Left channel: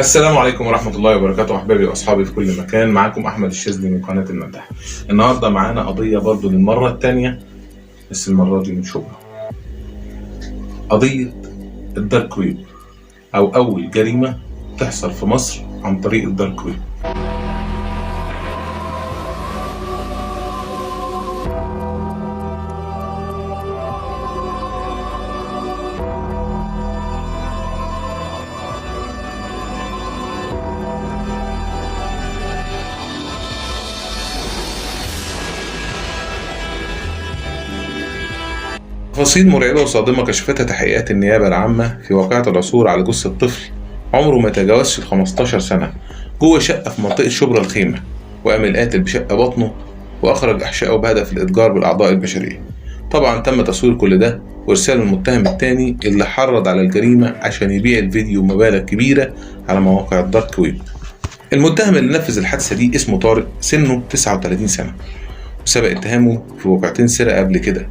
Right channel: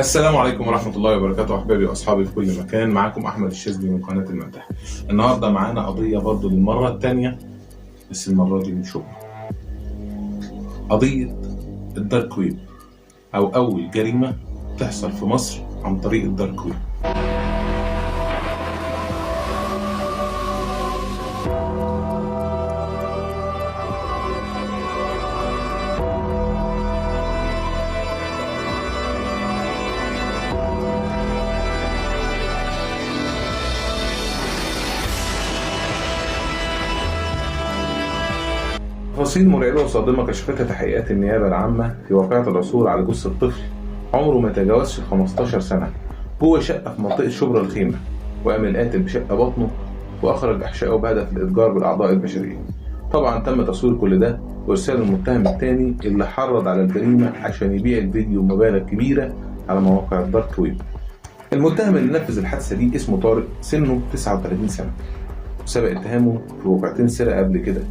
السلام عليكم ورحمة الله وبركاته أحبابي وأصحابي في كل مكان. معاكم أحمد الشاذلي من قناة المداح. النهاردة معانا قضية برضو للمرة التانية، بس المرة دي من شبرا. قضية الدارك ويب، أو أول جريمة تحصل في مصر عن طريق الدارك ويب. تفاصيل مرعبة وصادمة كشفتها تحقيقات النيابة العامة في واقعة العثور على جثة طفل عمره ما تجاوزش ال 15 سنة جوه شقة في منطقة شبرا الخيمة، وقام القاتل بشق بطنه وأخرج أحشائه بهدف الإتجار بالأعضاء البشرية. طبعا تم تصوير كل ده وإرسال المتهم التاني اللي حرض على الجريمة عشان يبيع الفيديو بمبالغ كبيرة على مواقع الدارك ويب. المتهم اللي نفذ الحادثة دي اسمه طارق، سنه 39 سنة، وسبق اتهامه في وقعتين سرقة قبل كده.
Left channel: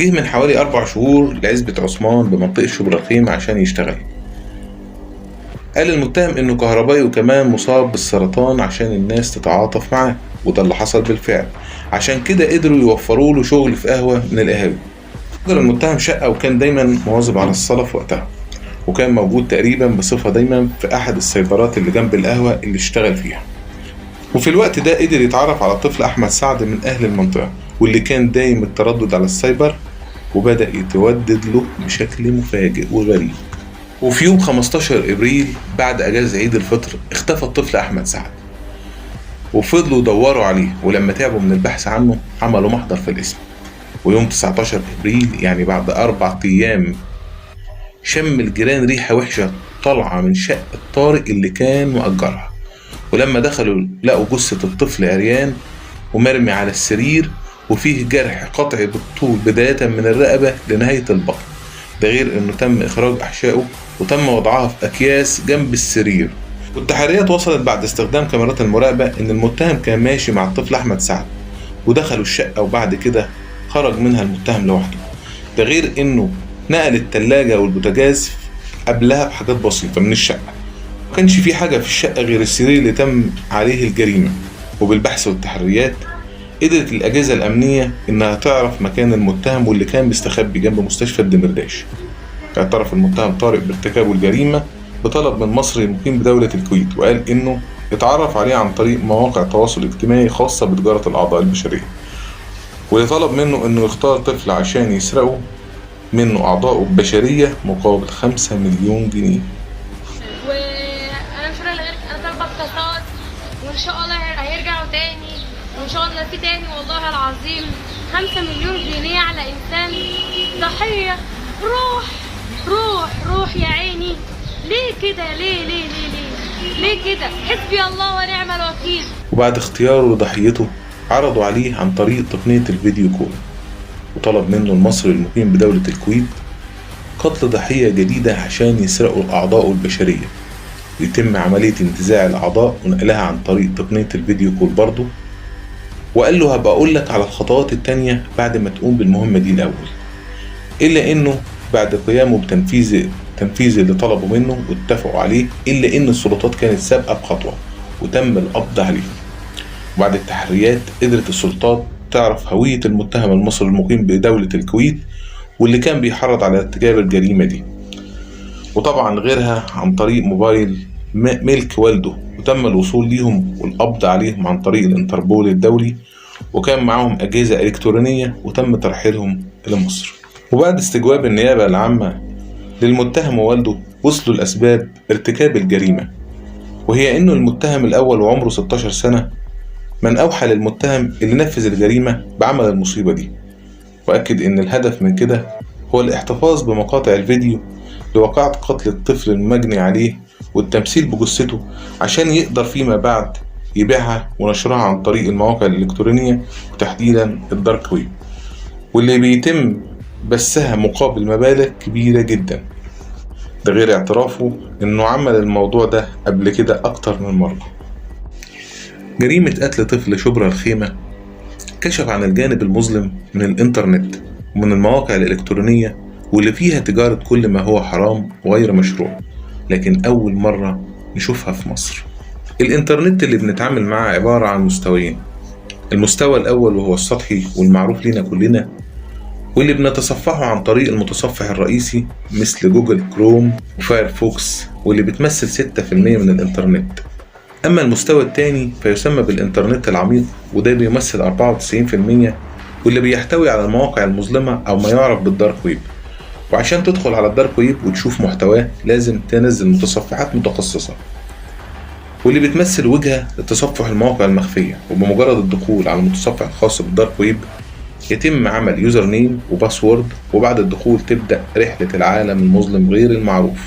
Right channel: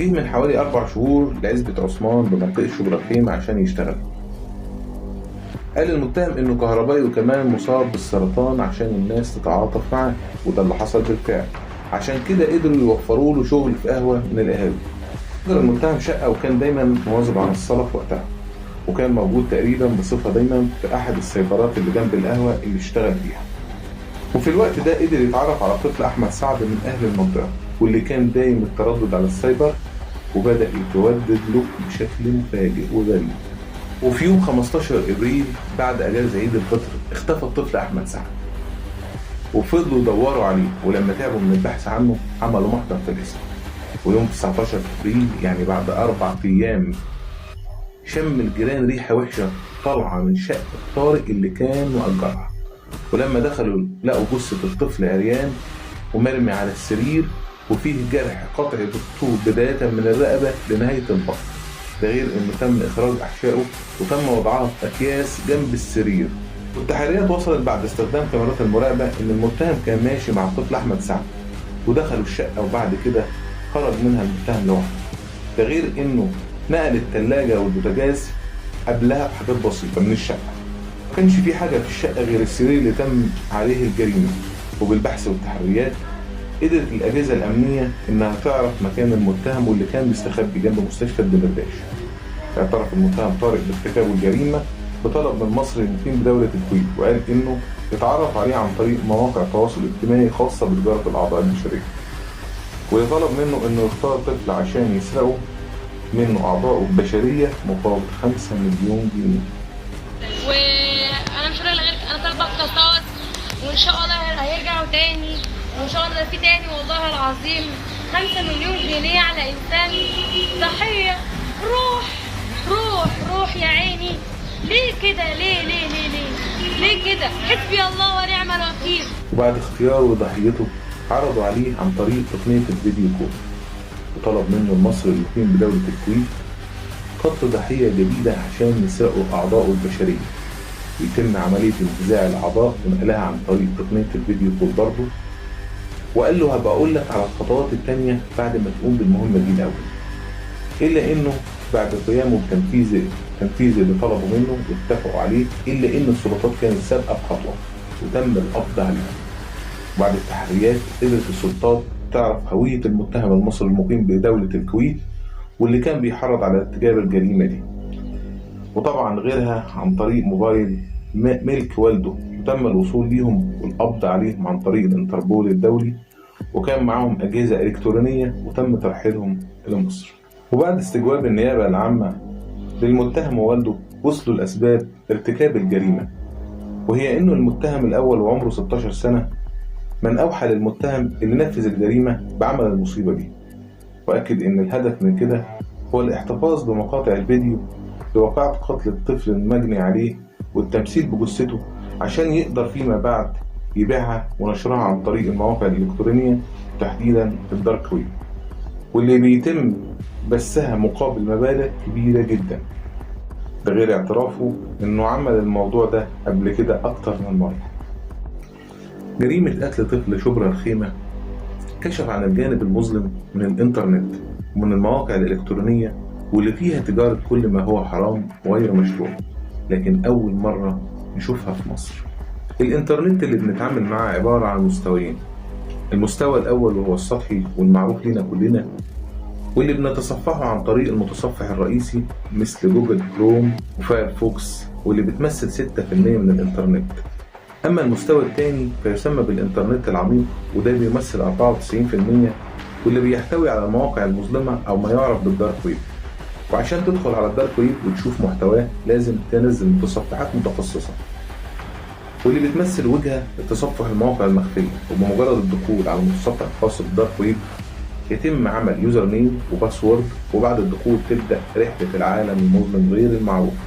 جه من حوالي 4 شهور لعزبة عثمان بمنطقة شبرا الخيمة عشان يشتغل. قال المتهم انه كهربائي وكمان مصاب بالسرطان عشان الناس تتعاطف معاه، وده اللي حصل بالفعل. عشان كده قدروا يوفروا له شغل في قهوة من القهاوي. قدر المتهم شقة وكان دايما مواظب على الصلاة في وقتها، وكان موجود تقريبا بصفة دايما في أحد السيطرات اللي جنب القهوة اللي اشتغل فيها. وفي الوقت ده قدر يتعرف على الطفل أحمد سعد من أهل المنطقة، واللي كان دايم التردد على السايبر، وبدأ يتودد له بشكل مفاجئ وغريب. وفي يوم 15 إبريل بعد أجازة عيد الفطر اختفى الطفل أحمد سعد، وفضلوا يدوروا عليه، ولما تعبوا من البحث عنه عملوا محضر في الاسم. ويوم 19 إبريل يعني بعد 4 أيام شم الجيران ريحة وحشة طالعة من شقة طارق اللي كان مؤجرها، ولما دخلوا لقوا جثة الطفل عريان ومرمي على السرير، وفيه جرح قطعي بالطول بداية من الرقبة لنهاية البطن. ده غير انه تم اخراج احشائه وتم وضعها في اكياس جنب السرير. والتحريات وصلت بعد استخدام كاميرات المراقبة ان المتهم كان ماشي مع الطفل احمد سعد، ودخلوا الشقة وبعد كده خرج منها المتهم لوحده. ده غير انه نقل التلاجة والبوتاجاز قبلها بحاجات بسيطة من الشقة. مكانش في حاجة في الشقة غير السرير اللي تم عليه الجريمة. وبالبحث والتحريات قدرت الأجهزة الأمنية إنها تعرف مكان المتهم واللي كان مستخبي جنب مستشفى الدمرداش. اعترف المتهم طارق بارتكابه الجريمة بطلب من مصري مقيم بدولة الكويت، وقال إنه اتعرف عليه عن طريق مواقع تواصل اجتماعي خاصة بتجارة الأعضاء البشرية، واللي طلب منه إنه يختار طفل عشان يسرقه منه أعضاءه البشرية مقابل 5 مليون جنيه. وانا مش رايح غير انا طالبه اقتصاد، وان شاء الله هيرجعوا تاني، وان شاء الله في تاني. والله العظيم 5 مليون جنيه على انسان ضحيه. روح روح روح يا عيني. ليه كده؟ ليه كده؟ حسبي الله ونعم الوكيل. وبعد اختياره لضحيته عرضوا عليه عن طريق تقنية الفيديو كول، وطلب منه المصري المقيم بدولة الكويت قتل ضحية جديدة عشان يسرقوا أعضاءه البشرية، ويتم عملية انتزاع الأعضاء ونقلها عن طريق تقنية الفيديو كول برضه. وقال له هبقى أقول لك على الخطوات التانية بعد ما تقوم بالمهمة دي الأول. إلا إنه بعد قيامه بتنفيذ اللي طلبوا منه واتفقوا عليه، إلا إن السلطات كانت سابقة بخطوة وتم القبض عليه. وبعد التحريات قدرت السلطات تعرف هوية المتهم المصري المقيم بدولة الكويت واللي كان بيحرض على ارتكاب الجريمة دي، وطبعا غيرها عن طريق موبايل ملك والده، وتم الوصول ليهم والقبض عليهم عن طريق الانتربول الدولي، وكان معاهم أجهزة إلكترونية وتم ترحيلهم إلى مصر. وبعد استجواب النيابة العامة للمتهم ووالده وصلوا لأسباب ارتكاب الجريمة، وهي إنه المتهم الأول وعمره 16 سنة من أوحى للمتهم اللي نفذ الجريمة بعمل المصيبة دي، وأكد إن الهدف من كده هو الاحتفاظ بمقاطع الفيديو لوقعة قتل الطفل المجني عليه والتمثيل بجثته عشان يقدر فيما بعد يبيعها ونشرها عن طريق المواقع الإلكترونية وتحديدا الدارك ويب، واللي بيتم بثها مقابل مبالغ كبيرة جدا. ده غير اعترافه إنه عمل الموضوع ده قبل كده أكتر من مرة. جريمة قتل طفل شبرا الخيمة كشف عن الجانب المظلم من الإنترنت ومن المواقع الإلكترونية واللي فيها تجارة كل ما هو حرام وغير مشروع، لكن أول مرة نشوفها في مصر. الإنترنت اللي بنتعامل معاه عبارة عن مستويين. المستوى الأول وهو السطحي والمعروف لنا كلنا، واللي بنتصفحه عن طريق المتصفح الرئيسي مثل جوجل كروم وفايرفوكس، واللي بتمثل 6% من الإنترنت. أما المستوى الثاني فيسمى بالإنترنت العميق، وده بيمثل 94%، واللي بيحتوي على المواقع المظلمة أو ما يعرف بالدارك ويب. وعشان تدخل على الدارك ويب وتشوف محتواه لازم تنزل متصفحات متخصصة، واللي بتمثل وجهة لتصفح المواقع المخفية. وبمجرد الدخول على المتصفح الخاص بالدارك ويب يتم عمل يوزر نيم وباسورد، وبعد الدخول تبدأ رحلة العالم المظلم غير المعروف.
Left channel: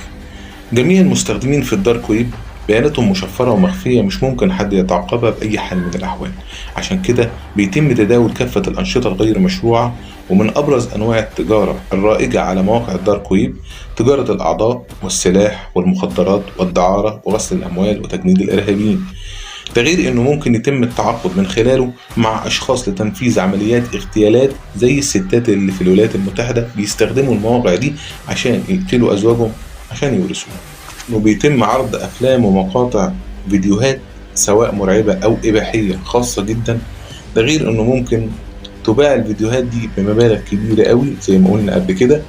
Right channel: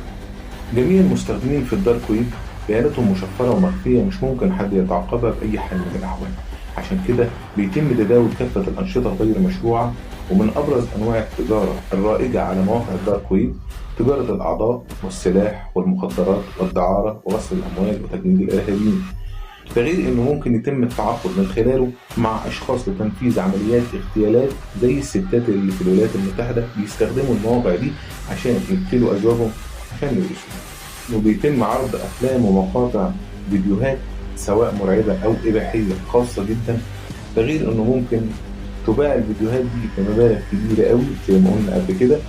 جميع المستخدمين في الدارك ويب بياناتهم مشفرة ومخفية، مش ممكن حد يتعقبها بأي حال من الأحوال. عشان كده بيتم تداول كافة الأنشطة الغير مشروعة. ومن أبرز أنواع التجارة الرائجة على مواقع الدارك ويب تجارة الأعضاء والسلاح والمخدرات والدعارة وغسل الأموال وتجنيد الإرهابيين. ده غير إنه ممكن يتم التعاقد من خلاله مع أشخاص لتنفيذ عمليات اغتيالات، زي الستات اللي في الولايات المتحدة بيستخدموا المواقع دي عشان يقتلوا أزواجهم عشان يورثوهم. وبيتم عرض أفلام ومقاطع فيديوهات سواء مرعبة أو إباحية خاصة جدا. ده غير إنه ممكن تباع الفيديوهات دي بمبالغ كبيرة قوي زي ما قلنا قبل كده.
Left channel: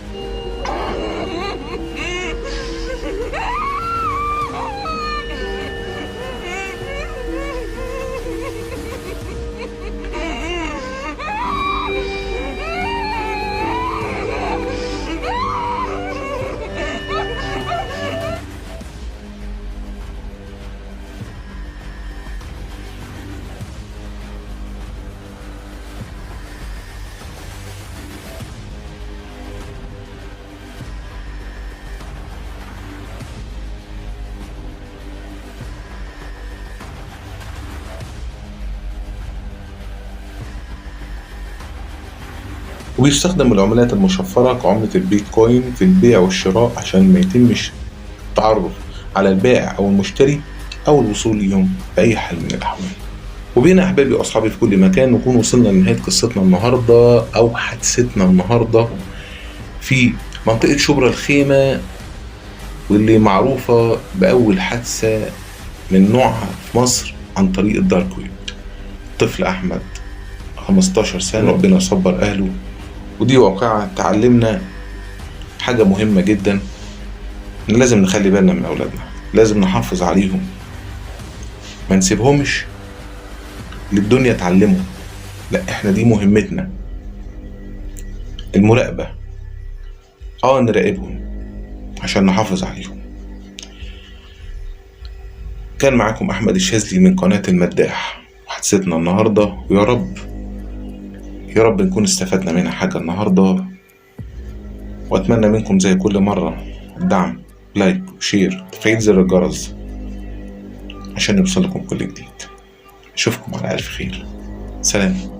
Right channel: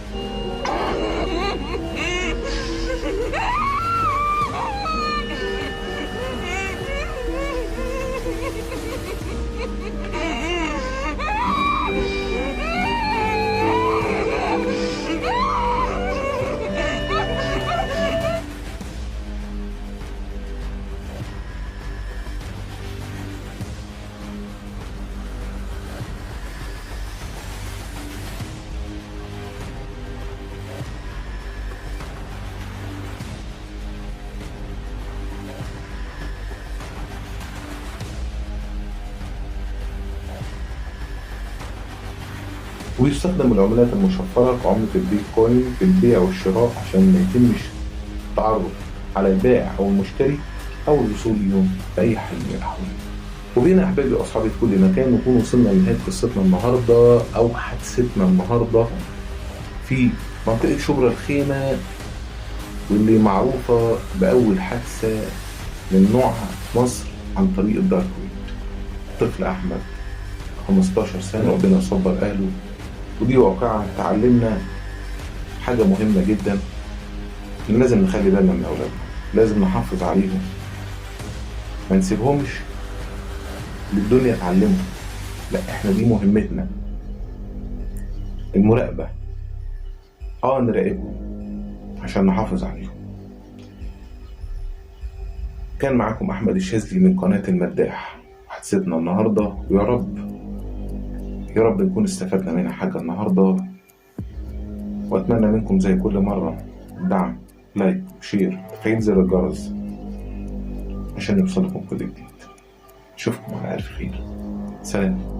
وبيستخدم العملات المشفرة كعملة البيتكوين في البيع والشراء عشان ما يتمش التعرف على البائع أو المشتري أو الوصول ليهم بأي حال من الأحوال. وبين أحبابي وأصحابي في كل مكان، نكون وصلنا لنهاية قصتنا النهاردة أو حادثتنا النهاردة في منطقة شبرا الخيمة، واللي معروفة بأول حادثة من نوعها في مصر عن طريق الدارك ويب. طفل أحمد 15 سنة، ربنا يصبر أهله. ودي واقعة تعلمنا حاجة مهمة جدا، إن لازم نخلي بالنا من أولادنا، لازم نحافظ عليهم، ما نسيبهمش للدنيا تعلموا. لا، احنا دي مهمتنا، المراقبة. نراقبهم عشان نحافظ عليهم. كان معاكم أحمد الشاذلي من قناة المداح وحادثتنا النهاردة، ويا رب نكون استفدنا منها حاجة النهاردة. وأتمنى منكم زي كل مرة دعم، لايك وشير، تفعيل زر الجرس عشان يوصلكم كل جديد. أشوفكم على ألف خير. سلام.